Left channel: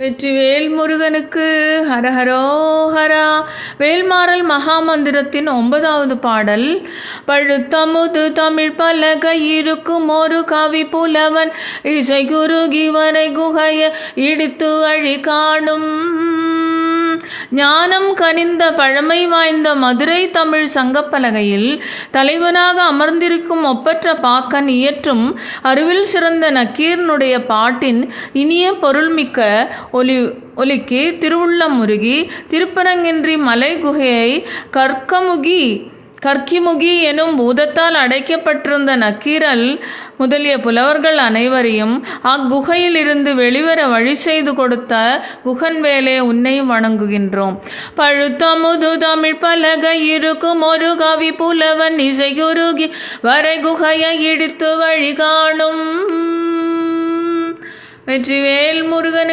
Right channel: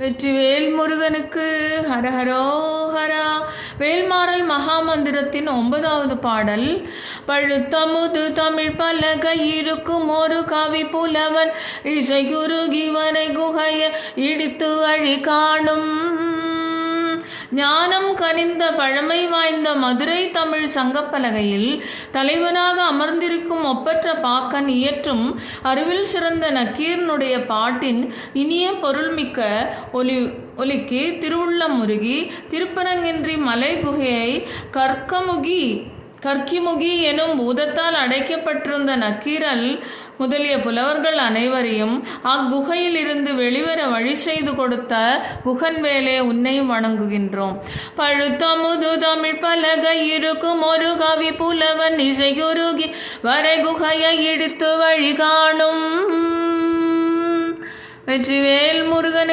வெற்றிவேல் முருகனுக்கு ஹரஹரோஹரா. வேல்மாறல் மகாமந்திரத்தின் 9வது பாடல். பழுத்தமுது தமிழ் பலகை இருக்கும் ஒரு கவி புலவன் இசை குருகி வரை குகைய இடித்து வழி காணும். ஞானம் கனிந்த பழமை வாய்ந்த மதுரை தமிழ் சங்கப்பலகையில் தலைவனாக அமர்ந்திருக்கும் ஒப்பற்ற பாக்கன் இயற்றும் அறிவில் சிறந்த நக்கீரனுடைய பாட்டின் இனிய பொருள்மிக்க ஒலிக்கு திருவுள்ளம் முருகி திருப்பரங்கின்றி மலை குகையை கற்கிமுகி எனும் பூதத்தால் அடைக்கப்பட்டிருந்த நக்கீரல் முதலிய புலவர்கள் அனைவரையும் அக்குகையில் இருந்து வெளிவர வழி செய்து கொடுத்த குகன்வேலே உன்னை வணங்குகின்றோம். பழுத்தமுது தமிழ் பலகை இருக்கும் ஒரு கவி புலவன் இசை குருகி வரை குகையை இடித்து வழி காணும். வெற்றிவேல் முருகனுக்கு